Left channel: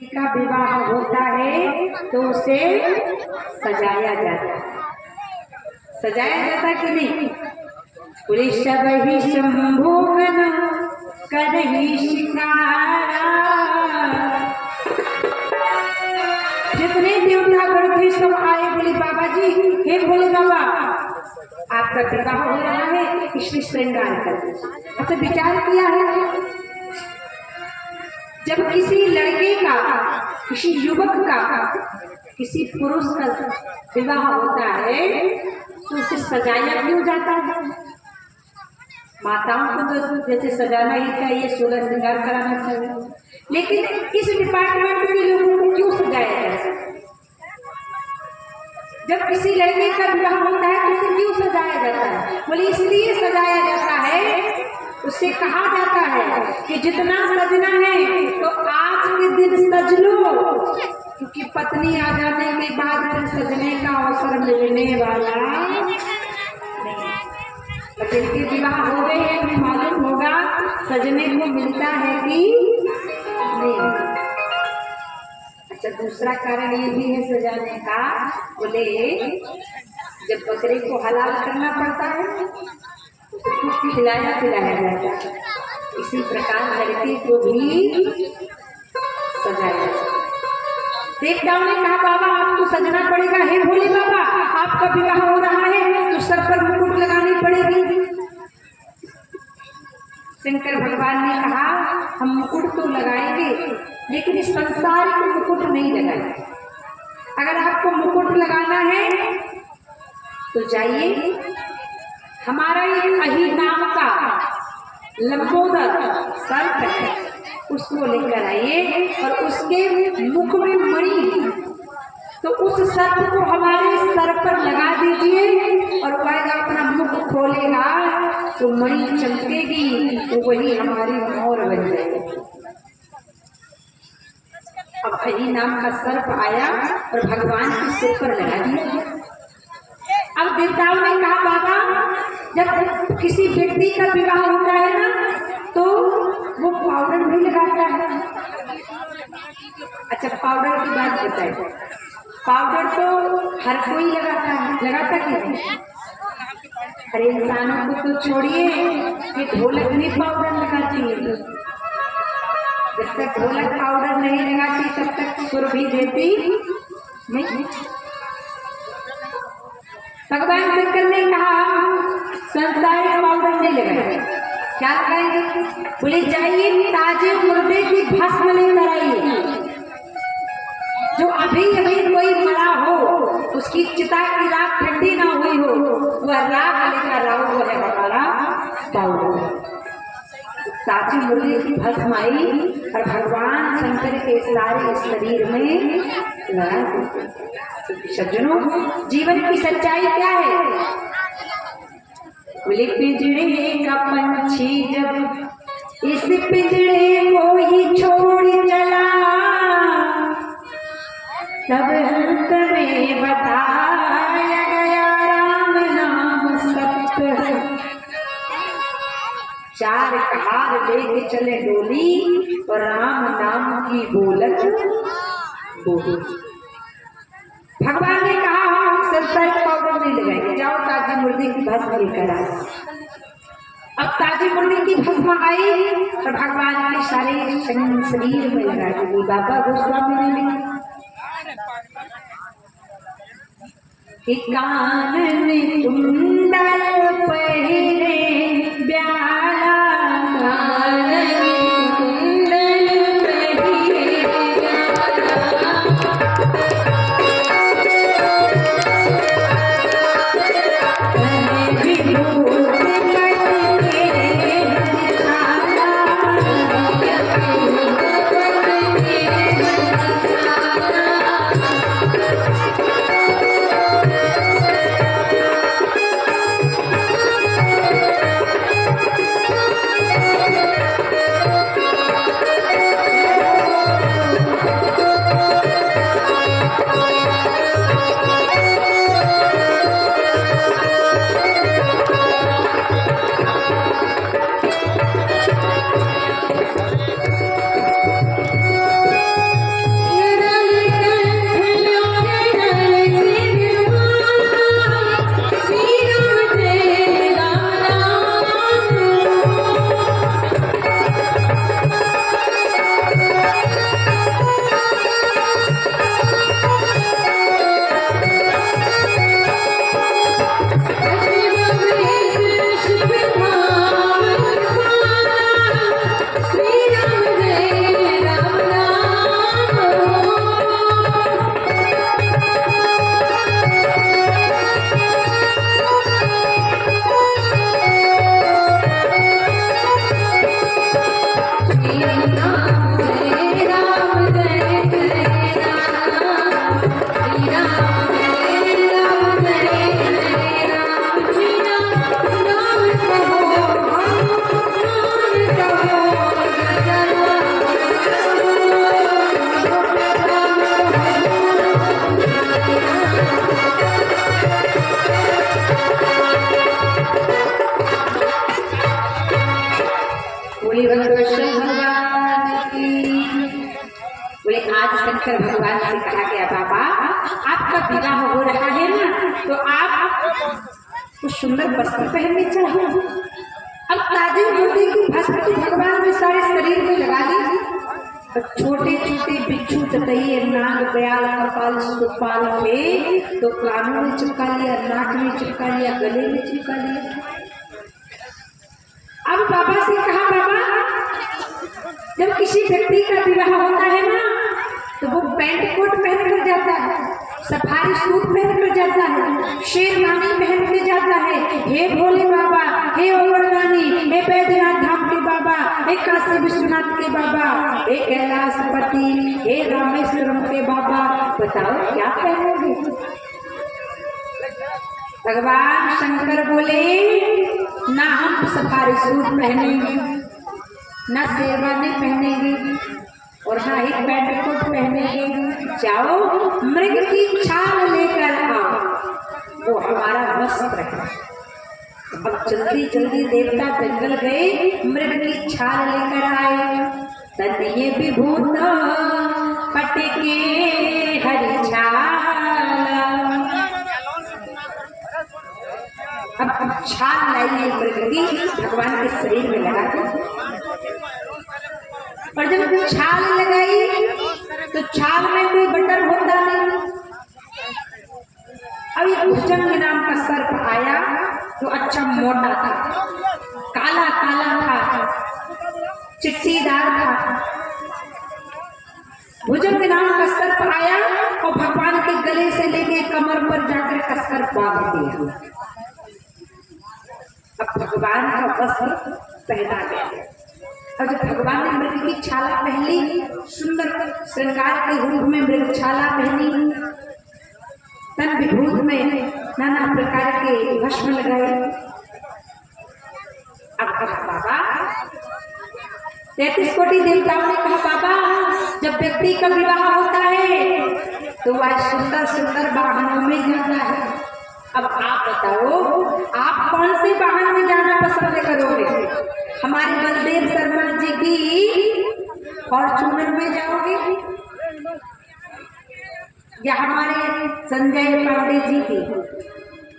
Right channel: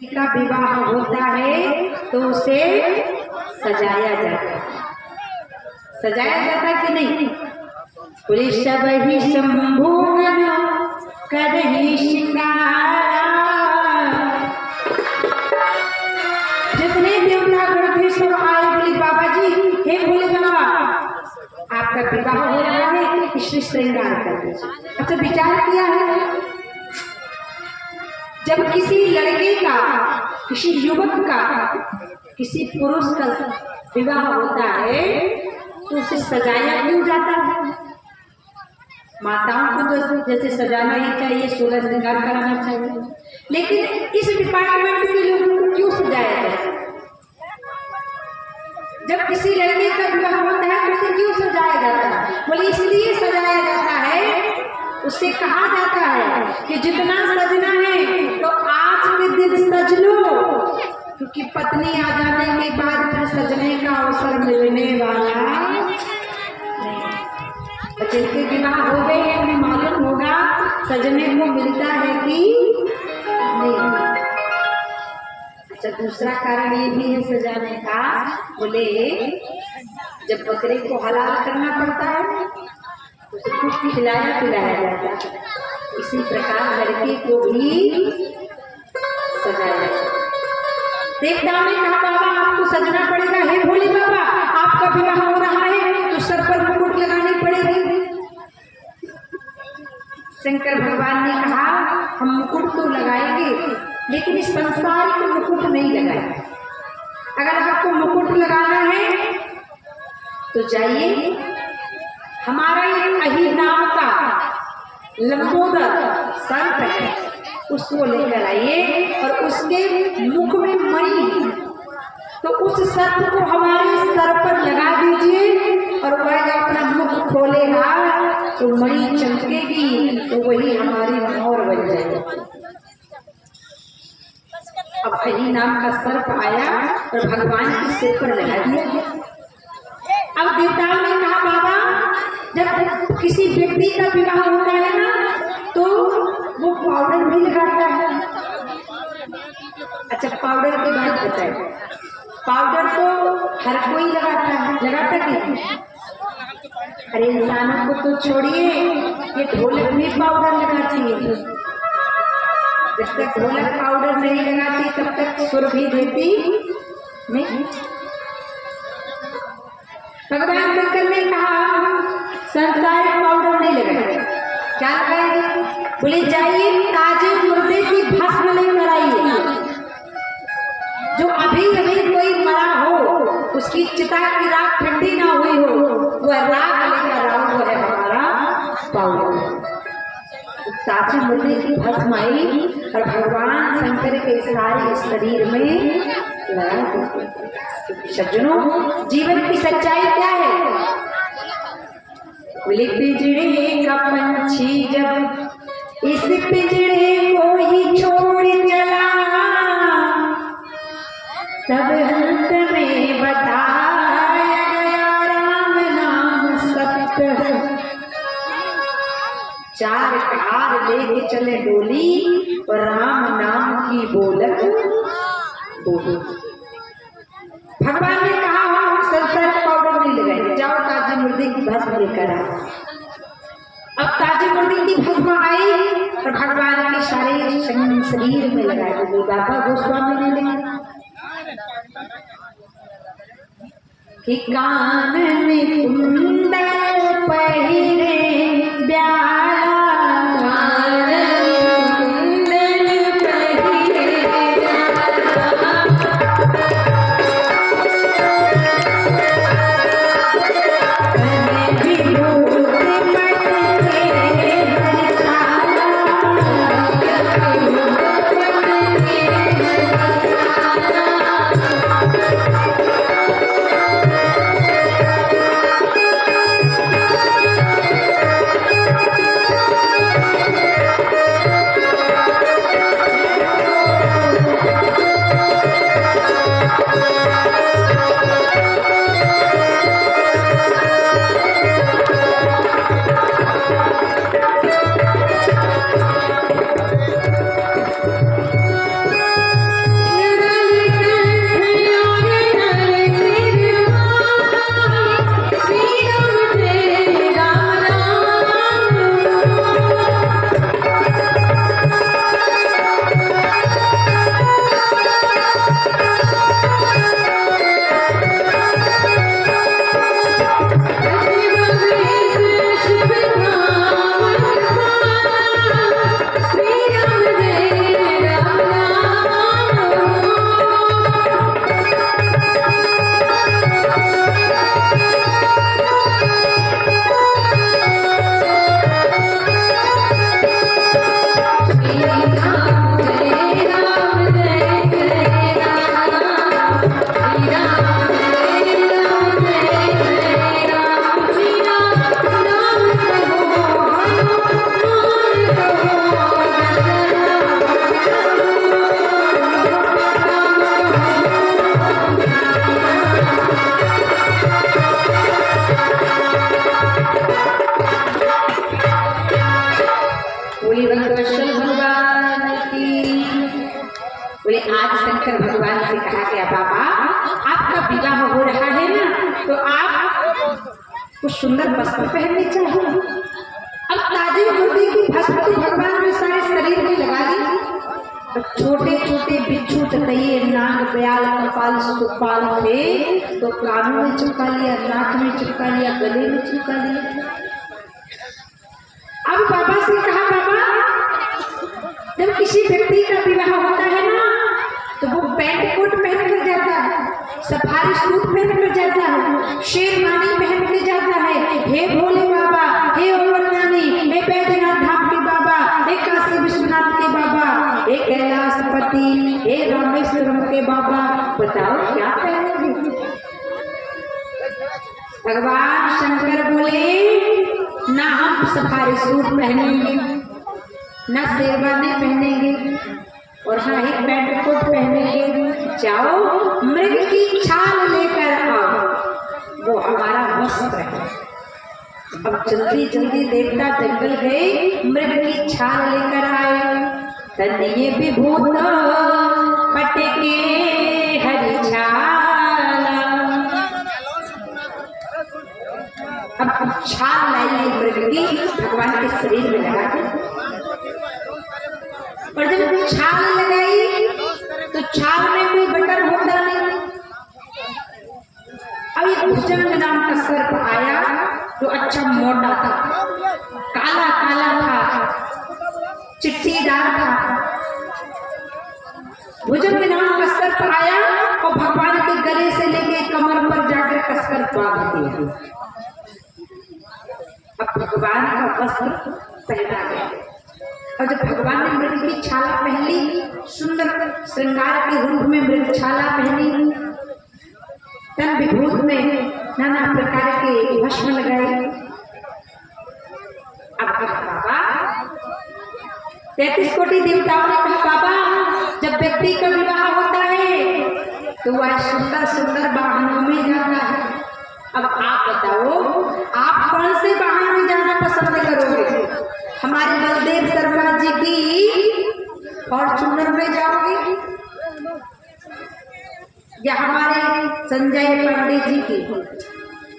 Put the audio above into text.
का विवाह होता है तो उसे सजाया जाता है। सजाया जाता कि नहीं? बोले सब ही संभोगन करही शिंगार। जितने देवता गण थे सब आए, बोले बाबा जी, हे भोले बाबा आपका विवाह हो रहा है, इसमें श्रृंगार कर दीजिए। अच्छा विचार किया है, जब किसी लड़के का, किसी युवक का, किसी पुरुष का विवाह होता है तो उसे सजाया क्यों जाता है? माताओं को तो जैसे सजाना ही चाहिए, 16 श्रृंगार कराना चाहिए, लेकिन इस डिपार्टमेंट के लोगों को क्यों सजाया जाता है? जब किसी लड़के का विवाह होता है तो उसे क्यों सजाया जाता है? बोले इसलिए सजाया जाता है, उससे कहा जाता है कि जितना सजना है तो आज के दिन सज लो, क्योंकि पत्नी आ जाने के बाद फिर सजने का अवसर मिलने वाला नहीं। जिनके विवाह हो गए हैं उन्हें मालूम होगा सजने को मिलता है कि नहीं। अच्छा दूसरा कारण ये भी है सजाने का, बोले जब बकरे को हलाल करना पड़ता है उसे कुछ खिलाया पिलाया जाता है, इसी प्रकार लड़के को भी सजाया जाता है। देवताओं ने कहा बाबा आपको सजना पड़ेगा। हे भोले बाबा आपका विवाह हो रहा है तो सर पर मुकुट लगानी पड़ेगी। शंकर भगवान ने कहा हम मुकुट तो लगाएंगे लेकिन इस संसार को मुकुट नहीं लगाएंगे। अगर आपको मुकुट लगाना है तो जाइए, हमारा एक अही नाम का लंबोदर सर्प है, उसको लेकर आइए और उसके मुख में मणि, तो उस सर्प को हमारे सर पर लगा दीजिए और वह अपना मुख खोलेगा तो मणि चमकेगी, तो वही हमारी मोर बन जाएगी। अब अही नाम का सर्प आया और भगवान के सिर पर लगा दिया। अब देवताओं ने कहा बाबा जब किसी व्यक्ति का विवाह होता है ना तो वो पाउडर भी लगाता है। अच्छा पाउडर की बात बताए, पाउडर तो हर कोई लगाता कि? अरे इंसानों को तो छोड़िए, ये ढोलक भी पाउडर लगाती है। जब तक ढोलक पाउडर नहीं लगाती तब तक सुर भी देती नहीं। भगवान शंकर ने कहा संसार पाउडर नहीं लगाएंगे, क्या लगाएंगे? बोले जाइए ताजे मुर्दे की भस्म लेकर आइए। जो अभी अभी कोई मरा हो उसकी चिता की राख ठंडी ना हुई हो, वह राख लेकर आओ, वो है हमारा पाउडर। ताजे मुर्दे की भस्म आई और भगवान शंकर के सारे शरीर में लगा। सज्जनों जीवन की सच्चाई क्या है? बोले पिंजरे का पंछी जब इस पिंजरे को ही छोड़ चला, तब अंत में बताया गया राम नाम सत्य है। चार कार लेके चले डोली और राम नाम की बोलत बोली। भगवान ने कहा हम संसार पाउडर नहीं लगाएंगे, जाओ ताजी मुर्दे की भस्म लेकर आओ। अब ताजी मुर्दे की भस्म आई और भगवान के सारे शरीर में लगा दी। बाबा गोस्वामी ने लिखा कि कान में कुंडल पहिरे बोले आज शंकर भगवान से कहा गया बाबा आपका विवाह हो रहा है ना, तो आप कुछ सुंदर वस्त्र पहनने चाहिए। अब ताजे मोती की भस्म तो भगवान ने सारे शरीर में लगा दी। तो छोटे छोटे बिच्छू ततैये नाग बयाल कपाल सुपाल थे, तो कानों में चिपका लिया, नाक में चिपका लिया, गले में चिपका लिया। अब बाबा से कहा बाबा जब किसी व्यक्ति का विवाह होता है ना, तो वो पैंट कोट पहन कर जाता है, सफारी सूट पहन कर जाता है, शेरवानी पहन कर जाता है। हे भोले बाबा, हे ओवरदानी, हे बैद्यनाथ धाम के बाबा, हे काशी विश्वनाथ के बाबा, हे कैलाशपति, हे रामेश्वरम के बाबा, बताओ क्या पहनोगे? भगवान शंकर बोले ना हम सफारी सूट पहनेंगे, ना शेरवानी पहनेंगे, और हाँ एक पैंट कोट पहनेंगे। जाओ मृग की छाल लेकर आओ, वो हमारा वस्त्र है। अब जल्दी जल्दी देवता जंगल गए, मृग की छाल लेकर आए। तनिए विभूत पटके हरि छाला, अब छाल लाइए मृग की, भगवान के शरीर में लगा दी। और जब छाल लगाई तो छाल में कोई बटर होता नहीं। अब ये भुजंग नाम का सर्प आया, तो अच्छा मोटा था, काला काला था, चिट्टीदार था। भुजंग नाम का सर्प आया और भगवान के गले से लेके कमर पर जाकर कसकर बांध दिया। अब भगवान का वस्त्र पहना गया। और जब भगवान ने मृग की छाला पहनी, सुंदर श्रृंगार के रूप में मृग छाला पहनी, तन विभूत में नाना प्रकार के भस्म लगाए। अब कहा बाबा 33 कोटि देवताओं ने कहा बाबा जब व्यक्ति का विवाह होता है तो वह सुंदर सुंदर वाहनों में जाता है। अब आप बताओ आप कौन से वाहन में जाना पसंद करोगे? हमारे बलदेव शर्मा जी की फॉर्च्यूनर में जाओगे, या हमारे संजय पांडे जी की?